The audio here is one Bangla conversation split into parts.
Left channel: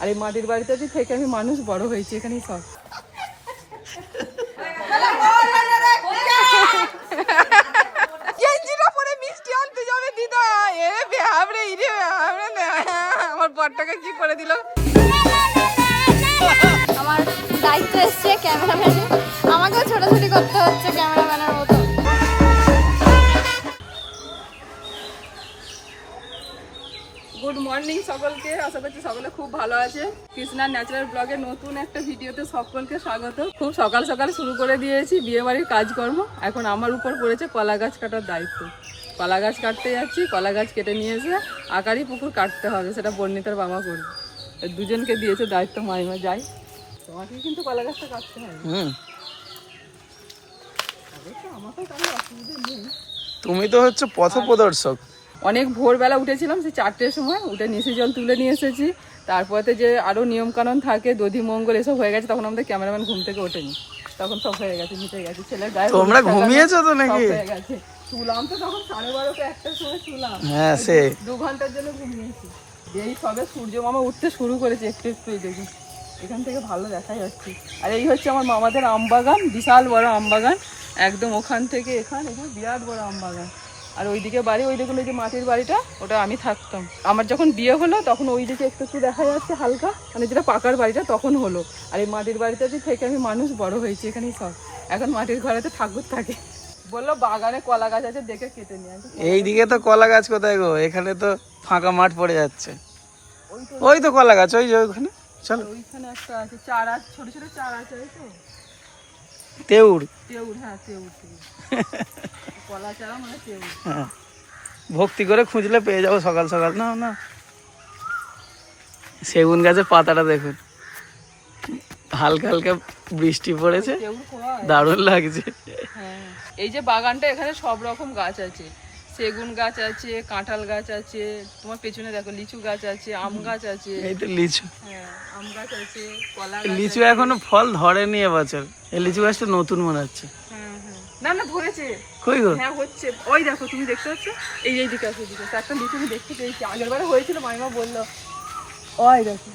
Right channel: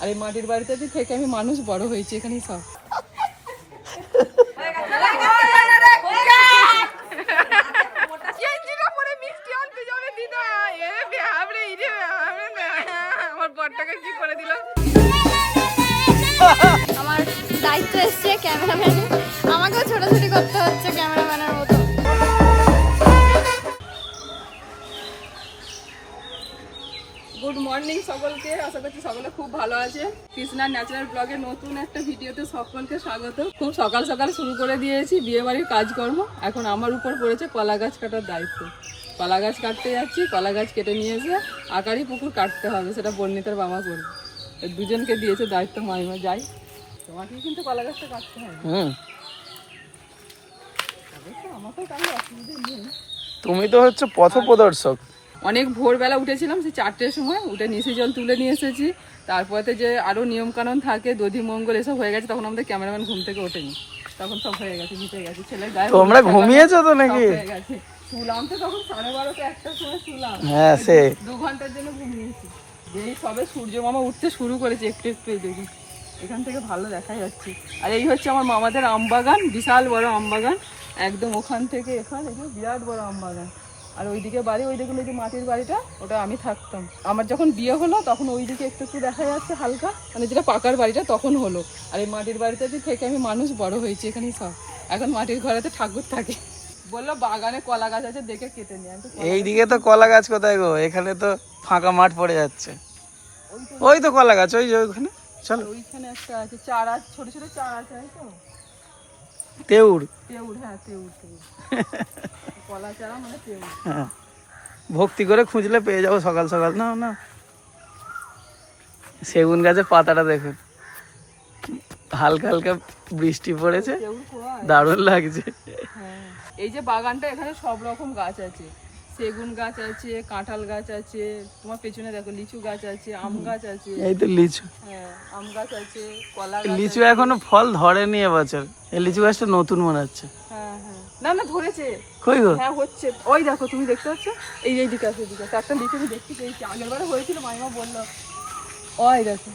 আর এই মাটির বাড়িতে থেকে আমি মানুষ বড় হয়েছি, এখানেই সব। আমার বরটাকে কি করে দিল। আমার দায়িত্ব এসছে ক্যামেরাম্যানে, আমাকেও ছোটাছুটি করতে হচ্ছে ক্যামেরাম্যানের মতো। গুড মর্নিং সকলকে, আশা করছি সকলে খুব ভালো আছে। কৃষ্ণার ন্যাচারাল ব্লগে নতুন একটা ভিডিওতে সকলকে স্বাগত। খুব সকাল সকাল শুরু করে দিয়েছি বিয়ে বাড়ির কাজকর্ম। এখন আমার উপর পড়েছে কলা গাছ কাটার দায়িত্ব। কলা গাছ কাটতে যাচ্ছি, কলা গাছ কেটে নিয়ে এসে আকারি পুকুর কাটতে হবে, সেটা বর্ণিতার বাবা করবে। দুজনকে দিয়েছে দায়িত্ব, মাইমা যাই। তোমাকে কিন্তু কলা গাছটা কাটতে হবে। আমাকেও কারো অসুবিধা নেই, তুমি তো হচ্ছে পথপ্রদর্শক। অনেক ভোরবেলা উঠেছিলাম, সে 4টের সময় উঠে নিশি জল তুলে নিয়ে এসেছি। তারপরে যে আরো নিয়ম কানুন থাকে, দধি মঙ্গল এসব হয়ে গেছে, তখন আমাদের ক্যামেরাম্যান ঘুম থেকে ওঠেনি, তখন সব হয়ে গেছে, মিটে গেছে। ছেলে গায়ে তোমরা ঘুমিয়েছো তো নাকি? হয়ে গেছে। শুলাম তো তখন 12:30 1টার সময় শুলাম। হ্যাঁ, সে 2 ঘন্টার জন্য ঘুমিয়েছি। এই সবে সূর্য মামা উঠতে শুরু করেছে, একটু একটু এই দেখি এখান থেকে ভালো দেখা যাচ্ছে। আর এই হচ্ছে আমার মামাদের আম বাগান, বিশাল বড় আম বাগান, একদম ওখান থেকে এখানে বিরাট বড় আম বাগান। আর ওইদিকে বাড়ি, ওই দেখুন ওই যে মাটির বাড়িটা, ওটা আমি থাকতাম। আমার যখন বিয়ে হলো তখন ওইদিকে একটু একটু দেখা যাচ্ছে হালকা, মানে যেটা পাকার বাড়িটা তখন হলো। আর এই মাটির বাড়িতে থেকে আমি মানুষ বড় হয়েছি, এখানেই সব। এখন মাটির ঘরেতে ঠাকুর থাকে। বললো বাগানে কলা গাছ আছে, দেখে কেটে নিয়ে। এইদিকে তো কলা গাছ কোথায় গো? এখানে তো ফাঁকা মাঠ পড়ে যাচ্ছে। ওই তো কলা গাছ, ওই যে ওইখানে। চলো, ওইখানে একটা আছে চারা, ছোট ছোট চারা আছে, এই তো তেওড়। হ্যাঁ তেওড়, কলা চারা মানে তেওড়। হ্যাঁ, ভক্তি করে খুঁজলে পেয়ে যাবো সকাল সকাল। না না, সেগুন গাছের পাতাটা দেখুন, হালকা হালকা বৃষ্টি পড়েছে, দারুণ লাগছে। হ্যাঁ, এই যে বাগানটা, এখানে সব রকম গাছ আছে। সেগুন গাছ আছে, কাঁঠাল গাছ আছে, তোমার পেছনে দেখো লিচু গাছ আছে, আম গাছ আছে। এই তো লিচু। হ্যাঁ, আম গাছ আছে, কলা গাছ। লিচু এখনো ফল ধরেনি এবছর। এই লিচু গাছটা নতুন মনে হচ্ছে। হ্যাঁ হ্যাঁ, না না ধরেছে। কই গো? হ্যাঁ হচ্ছে, ওই দেখো তুমি দেখতে পাচ্ছ, এই দিকে আছে, এদিকে আছে একটা লিচু আমি দেখতে পেয়েছি। আগের বারে হয়েছিল, মাইমা বললো। ওই দেখো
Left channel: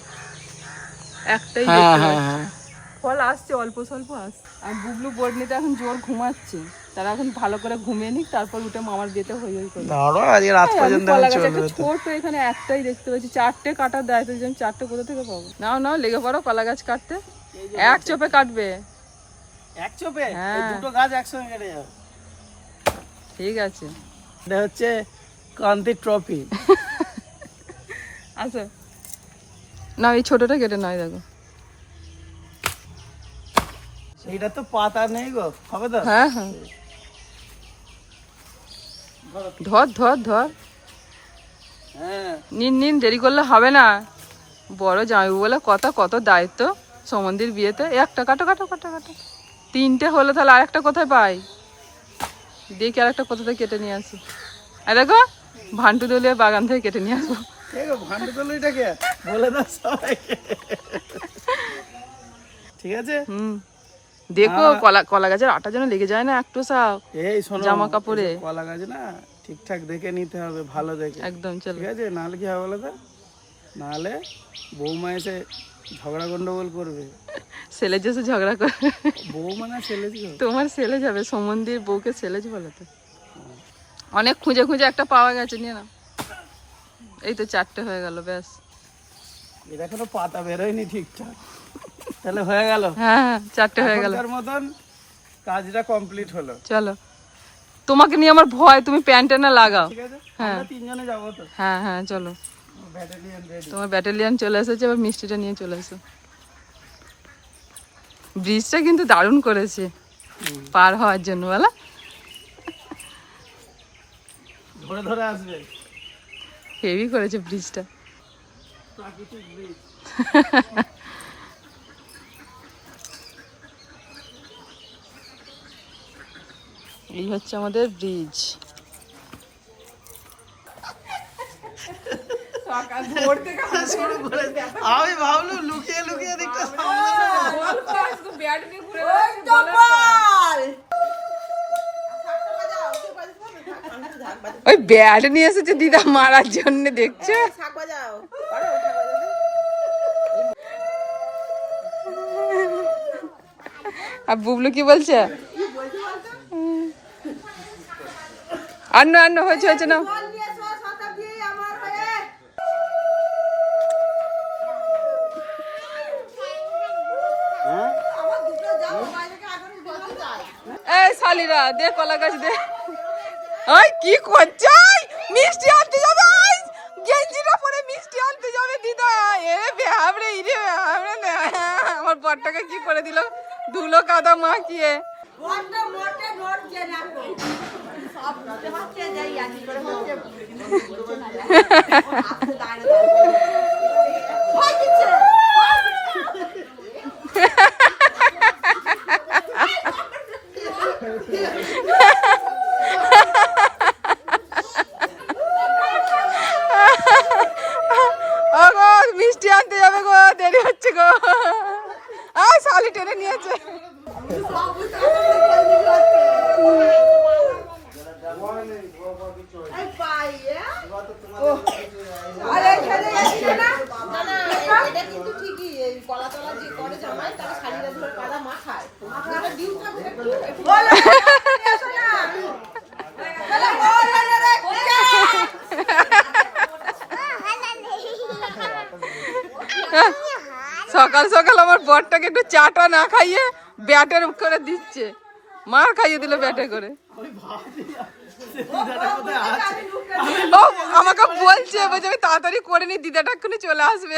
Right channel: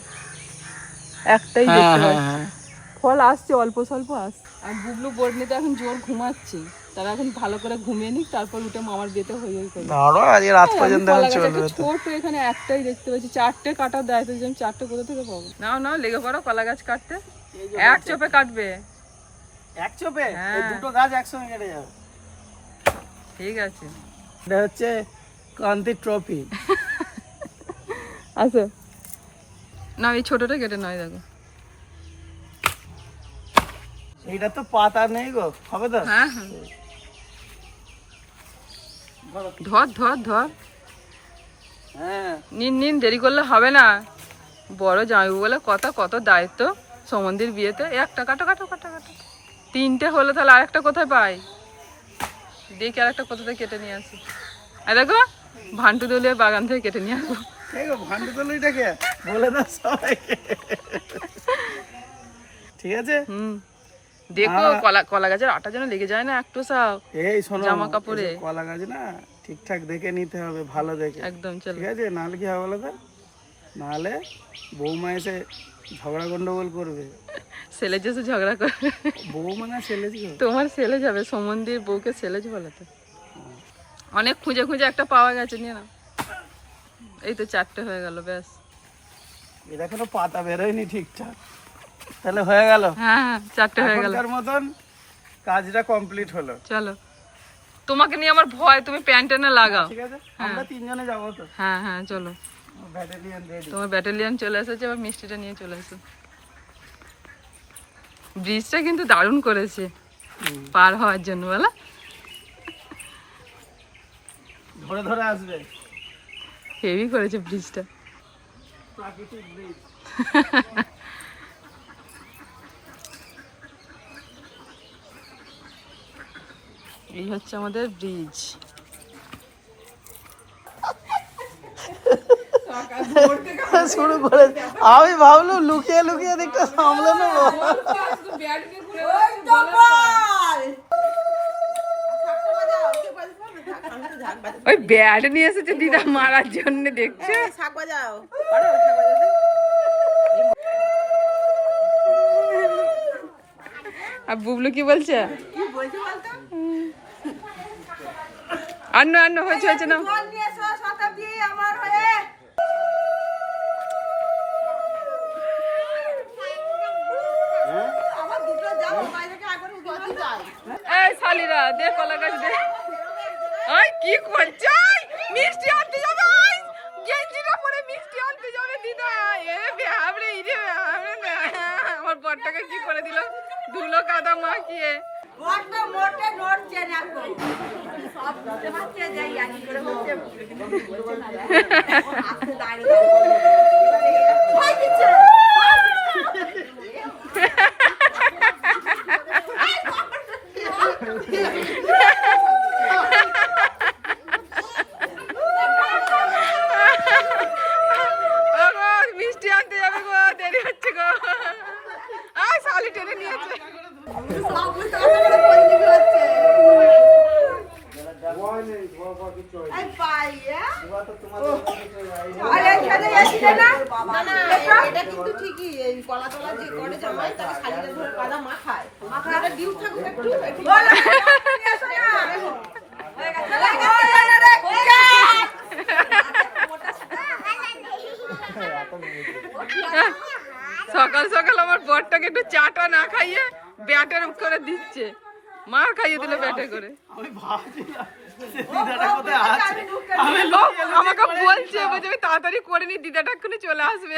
একটাই দেখতে পাচ্ছি। ফল আসছে, অল্প স্বল্প আসছে। আর বুবলু বর্ণিতে এখন জোর ঘুমাচ্ছে, তারা এখন ভালো করে ঘুমিয়ে নিক, তারপর উঠে মামার বিয়েতে হই হই করে। ছোট এখানে একটাই দেখতে পাচ্ছি, 4টে কাটার দায়িত্ব, যে আমি 4টে কোথা থেকে পাবো? নাও নাও, লেগে পড়ো কলা গাছ কাটতে। এক চোপে কাটবে, এক চোপে দুটো গাছ একসঙ্গে কেটে যাবে। ঠিক আছে, এটা হচ্ছে কান্তি ট্রফি। আচ্ছা না, এই ছোটটা কেটে নয়, দেখো এইটা তো পাতা নেই গো, হবে তো? হ্যাঁ হ্যাঁ, ধর ধর ধর, হ্যাঁ, নিন নিন, দেরি করলে হবে না। বড় জামাইবু বলে কথা, কত দায়িত্ব সমন্দির বিয়েতে। একটা কাটো কাটো কাটো কাটো, 3টে হলো, তাহলে আরেকটা কোথায় পাই? দেখি আরেকটা কোথা থেকে কেটে নিয়ে আসি। আর দেখো ভান্টু দলিয়ার বাগান থেকে কেটে নিয়ে আসবো। ভান্ডু দলিটাকে বলে দাও সবাইকে, ঠিক আছে? দেখো কলা গাছের আটা যেন লেগে যায় না একটু, সব এই শোনো, জামা কাপড়ে কলা গাছ না ঠিকঠাক দেখে নিতে হবে, ভালো দেখে একদম, চল ঠিক আছে? নাহলে কি হবে বলো তো, নাহলে বৌমা এসে ঝগড়া গন্ডগোল করবে। ছেলে যেসে ঝগড়া করে, বৌমা না ছেলে? তোমার ছেলে যাবে, সমন্দির বউকে ছেলে বলে তো। অনেক খুঁজে খুঁজে একটা পাওয়া গেছে, নিয়ে না। এই তো 4টে হয়ে গেল, ব্যাস। এটা কোনো পাতা বেরোয়নি ঠিকঠাক, তাহলে হয়ে গেল। হ্যাঁ হ্যাঁ, 4টে হয়ে গেল, এখনকার মতন কাজটা কমপ্লিট হলো। চলো, তোমাকে নিয়ে আমার ভয়, তুমি প্যান্টে না লাগাও। ঠিক আছে, আমরা 3জনে যাবো তো। হ্যাঁ হ্যাঁ, চলো, ব্যাটালিয়ন রেডি। তোমার ব্যাটালিয়ান চলে এসেছে, এবার মিষ্টিটা নিয়ে চলে এসো। ব্রিজটা কিন্তু দারুণ করেছে পার হওয়ার জন্য, বলা ধরে ধরে আসবে, হেভি করেছে ব্রিজটা, প্রাকৃতিক ব্রিজ। এই হচ্ছে আমাদের ব্রিজ। শুরু করে আমি ভাবলাম লুকিয়ে লুকিয়ে দিকটা সামলানো। ওই ব্যাট নিয়ে এসেছে দিদা মারার জন্য, দেখছো? আর বুবলু কি বলছে? আন্ন আন্ন হয়েছে হয়েছে না। এই শালিরা দে কলা গাছ দে। ওই কি করছে? মিষ্টি আনতে যাবে, গেঞ্জিটা পরে মিষ্টি আনতে যাবে দিদা। এ বেহাবড়ে ইরে বেহাবড়ে না, আমার বরটাকে কি করে দিল ধুলো কাদা মাখিয়ে। মিষ্টি আনতে যাবে গো, দেরি হচ্ছে গো। শালি টেনে নিয়েছে। সকাল সকাল আমার বরটাকে একটু চাটা না খাইয়ে ব্যাটের করে দিচ্ছে, মার খাইয়ে দিল ব্যাটে করে। আমাকে বলছে বলছে আমি তাড়াতাড়ি করে নি, দিদাটা এক্ষুনি চলে আসবে।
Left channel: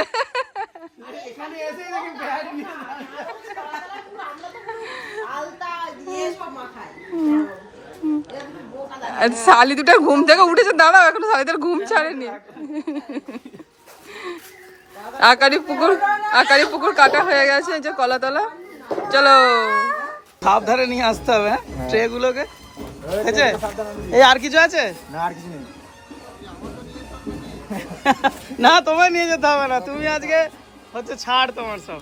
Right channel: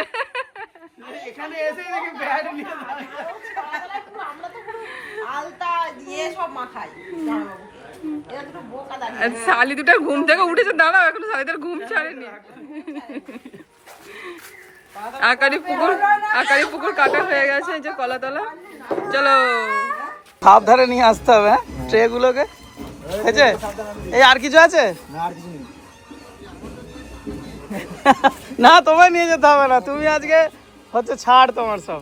শালি দুটো ঘুম থেকে উঠেছে, দাঁড়াও এখনো শালিদের ঘুম ছাড়েনি। আকারি পুকুর কাটা হয়ে গেছে, এই যে কলাতলা। চলো সাবধানে নিয়ে আসতে হবে ট্রে গুলোকে। আছে এই আর কিছু আছে না? আর কিছু নেই না, তোমায় নিয়ে যেতে হবে না, তুমি আজকে হচ্ছে ছাড় তোমার সব।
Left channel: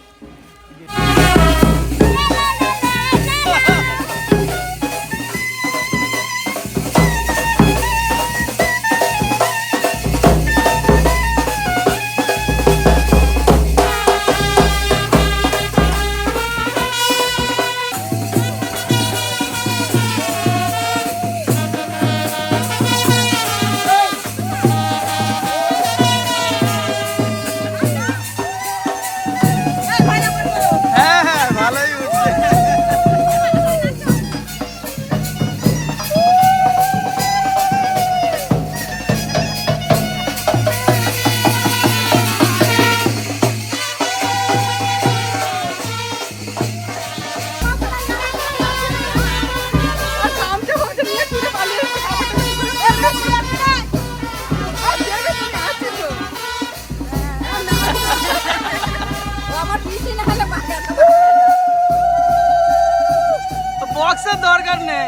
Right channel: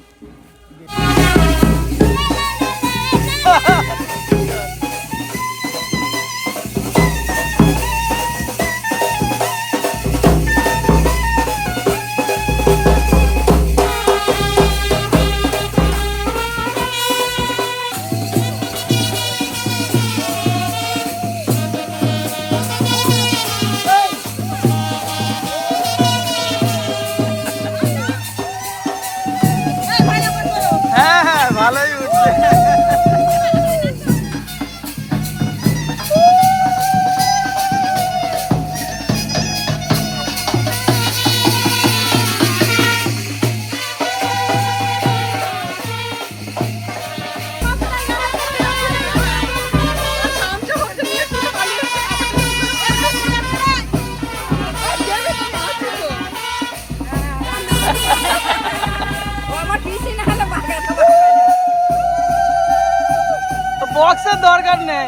বক্সের দরকার নেই,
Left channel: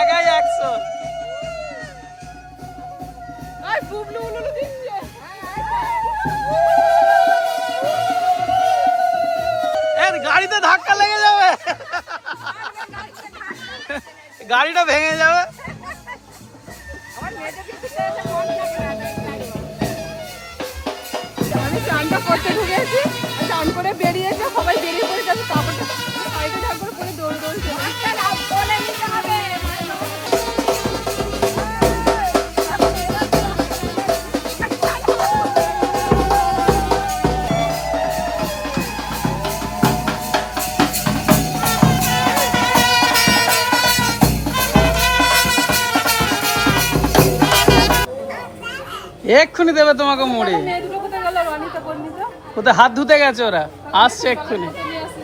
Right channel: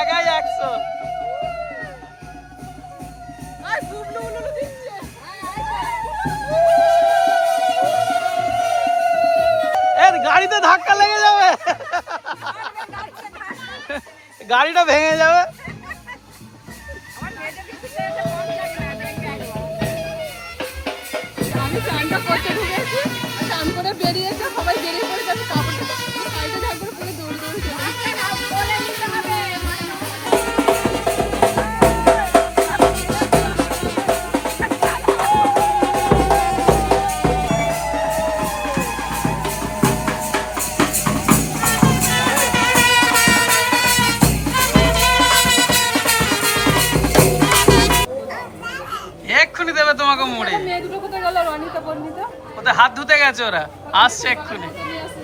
একাই 100। এর গাড়িতে ধাক্কা লেগে যাবে, গাড়িটা ভেঙে যাবে। আমি চানটা করতে ঢুকেছি, চান করে বেরিয়েছে, সবাই বেরিয়ে পড়ে যাচ্ছে, কাপড়টা সাইডে ঢাকবো পুরো দৌড়ে দৌড়ে চলে। এক্ষুনি দেবে তোমাকে মোড়ে। মেয়ে দুটো কোথায় গেল? রনিতা বর্ণিতা কোথায় হাত ধুতে গেছে ওরা, আসছে এক্ষুনি।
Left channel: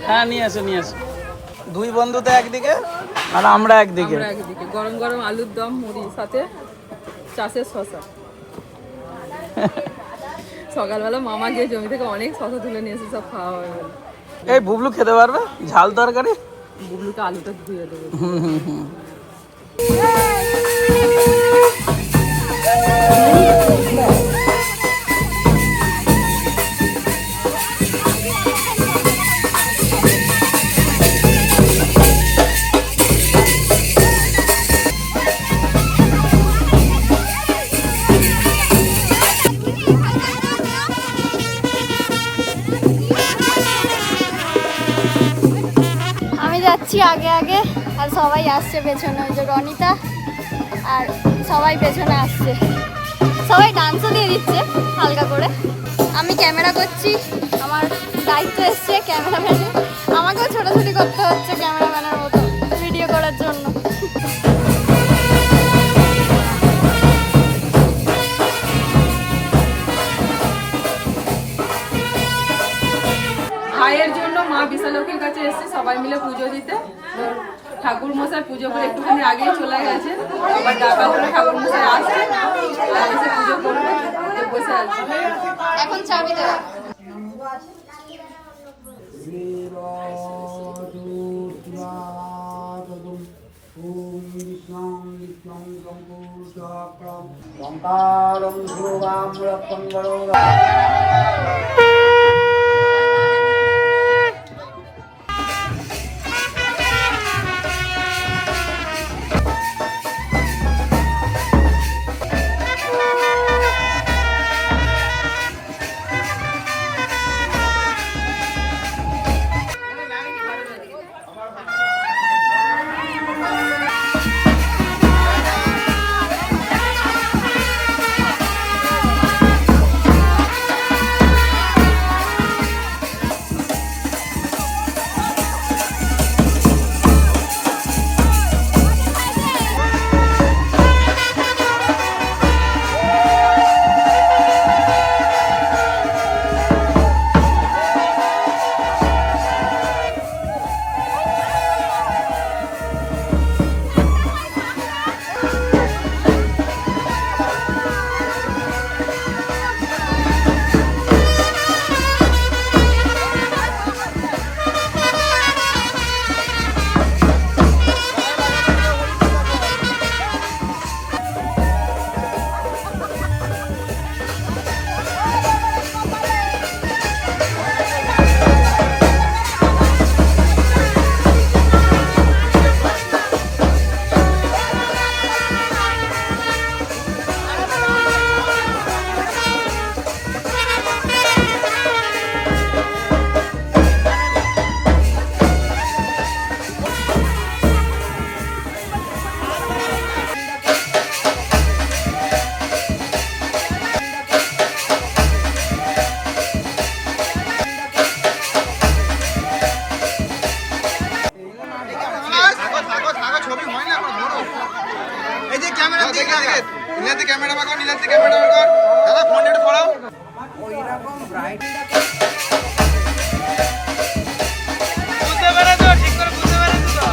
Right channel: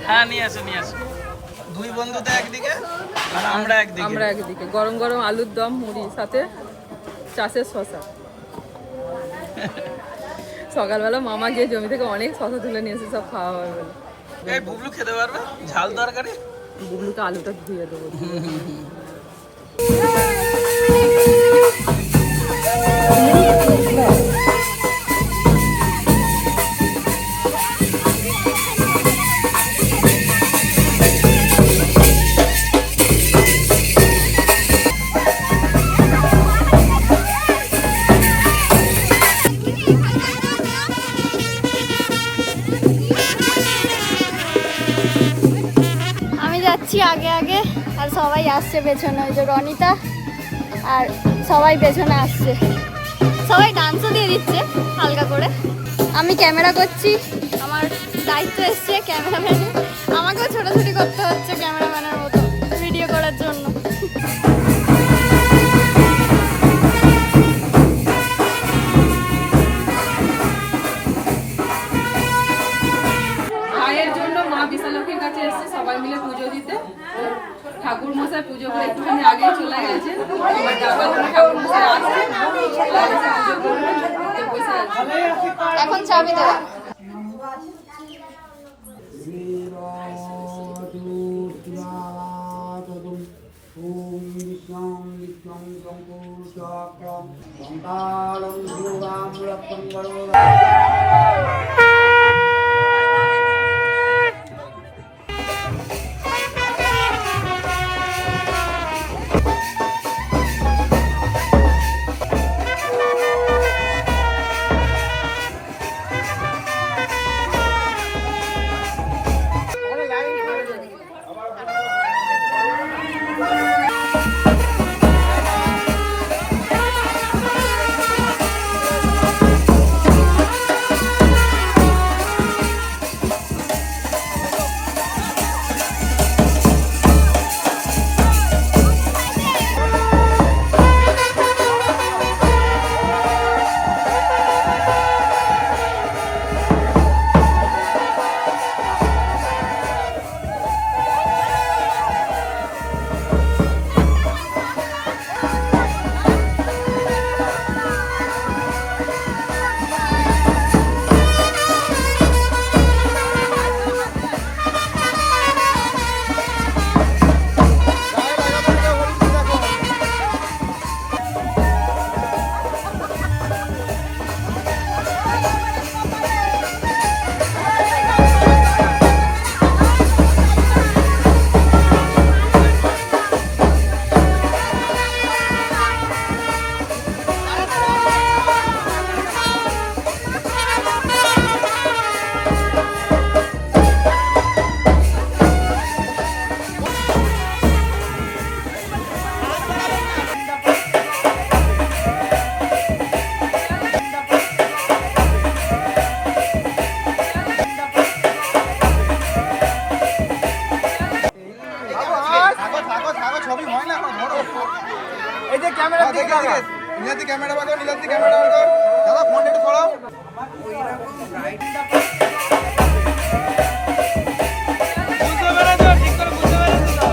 হ্যাঁ নিয়ে আসো নিয়ে আসো। দুই বন্ধুতে একদিকে আর আমরা একদিকে। আমরা একদিকে গরম গরম আলুর দম, মুড়ি, সাথে চাষের শশা। সকালবেলা মামা গিয়ে জমি থেকে অনেক শশা তুলে নিয়ে এসে সব খাওয়া হবে বলে। এই বুবলু খেতে পারবে ঝাল তরকারি? বুবলুকে আলুটা ধুয়ে দেবো। যাচ্ছি আগে আগে, আর সবাই আসছে পেছনে, ওই যে রনিতা আর সবাই পেছনে আসছে, সবাই ডান্সও দিয়ে দিচ্ছে হালকা করে। আমি ক্যামেরা করছি, আমার দায়িত্ব এসছে ক্যামেরাম্যানে, আমাকেও ছোটাছুটি করতে হচ্ছে ক্যামেরাম্যানের মতো ভিডিও করার জন্য। ভাইয়ের জন্য মা বিশালক্ষীর কাছে এসেছে সবাই মিলে পুজো দিতে। ঠাকুর মশাই পুজো করে একটুখানি আগেই চলে গেছে, আবার ডাকা করে ঠাকুর মশাই আসছে আর এসে পুজো করবে, যে বসে আছে এখন চাবি দেওয়া। এই যে ক্যামেরা দিকে লাগা, নিলাতে ক্যামেরা বাগাও, নিলাতে ক্যামেরা বাগাও, দাদা ফোন একটু ফলাও। বুঝতে পেরেছো? ঠিক করে বুঝতে পেরেছো তো?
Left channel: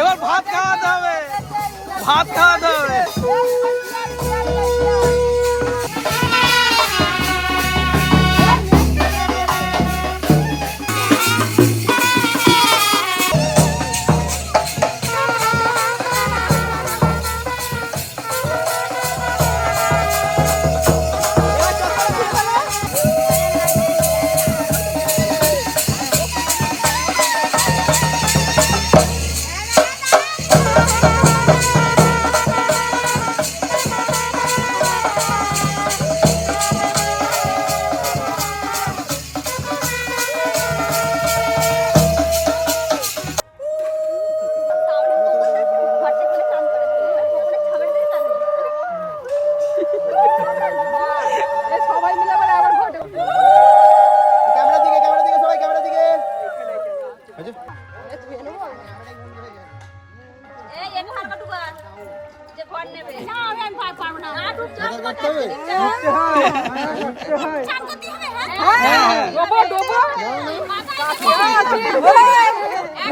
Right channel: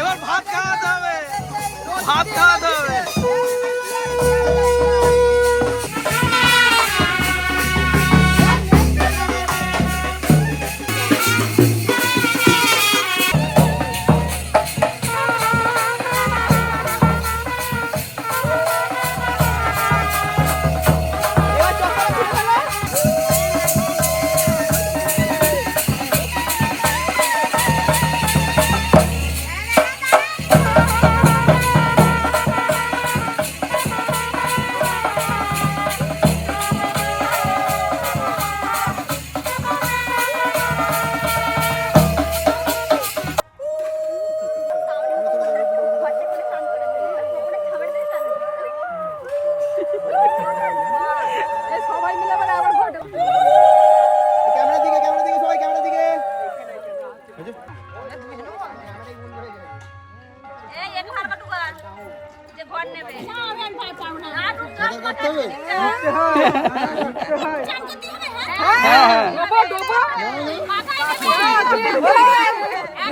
এবার ভাত খাওয়াতে হবে, ভাত খাওয়াতে হবে।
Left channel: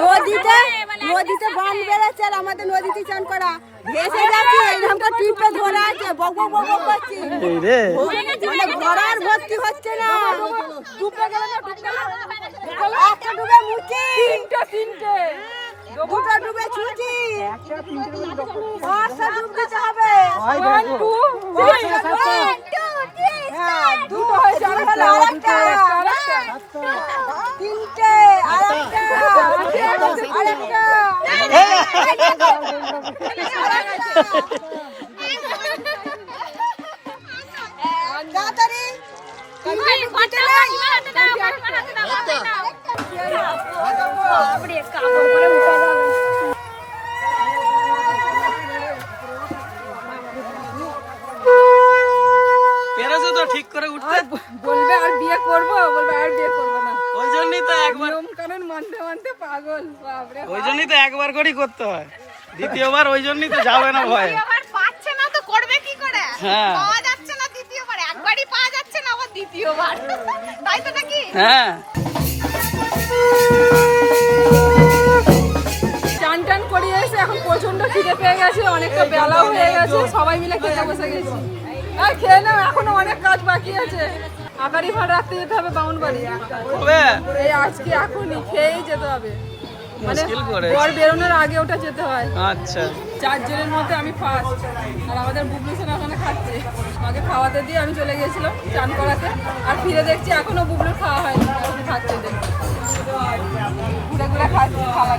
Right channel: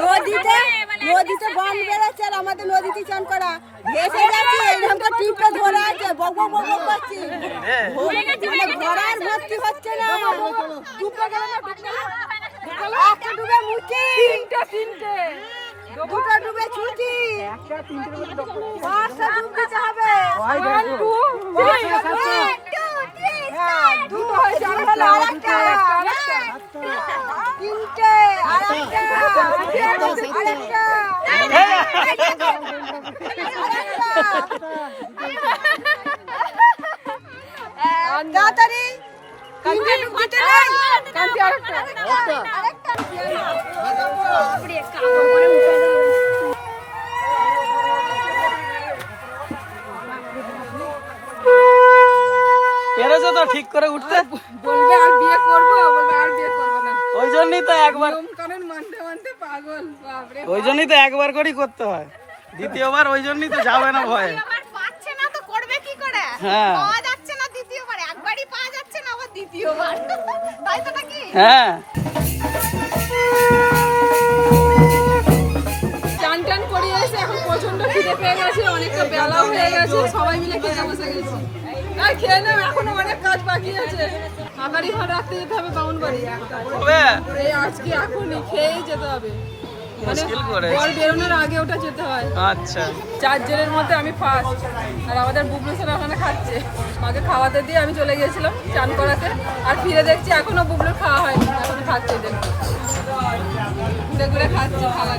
নদীতে বান বেড়েছে আর আমাদের নদীতে চান করা ভেসে যাচ্ছে এইরকম টিপে ধরে আছে বক বক বক বক করছি কই রে মানে ঘোড়ার ভর্তি হচ্ছে না ডুবে গেল না একটা ডুবে মুচি তিনটে দুটো ডুবে ছুটি পাঁচটা ডুব দিতে হবে দুটো হয়েছে আরেকটা তিনটে তাড়াতাড়ি পেরেছো তো ঠিক করে উঠতে? বলবে আর বিয়ে করবো, বলবে আর বিয়ে করবো না। ওই জন্যই তো একবার, নিয়ম কানুন মানতে মানতে পাগল, বাপরে। ওই জন্যই তো একবার করেই করতে হয়, দ্বিতীয়বার ওই জন্যই তো যাবে না ভয়ে। পাচ্ছে না তো করবে কি করে? হ্যাঁ পাওয়া যাচ্ছে না দ্বিতীয়বার, একবারই পাওয়া যাচ্ছে না আবার দ্বিতীয়বার, তাই তো নাকি? হ্যাঁ চান টান করিয়ে এসে এখন প্রচন্ড খিদে পেয়ে গেছে, অনেকটা বেলাও হয়ে গেছে, সবাই মিলে খেতে বসে গেছি। আর খেয়ে নাও, এখনো অনেক কাজ বাকি আছে। আকারি ঘর রাখতে যেতে হবে বামুনবাড়ি, হবে এই আজকে এখনই খেয়েই যেতে হবে, মানে মুশকিল করে। বর বেরোনোর আগে ওটা যেতে হয়। আচ্ছা 4 জনের মধ্যে আমি ফার্স্ট, আর আমাদের বুবলু সোনা ওখানে খাচ্ছে। মাকে খাওয়াতে দিয়ে আমি চলে গেছিলাম চান করাতে, আর ফিরে দেখছি এখনো বুবলুর খাওয়া হয়নি, এখনো খাচ্ছে দেখুন, খাচ্ছে খাওয়া।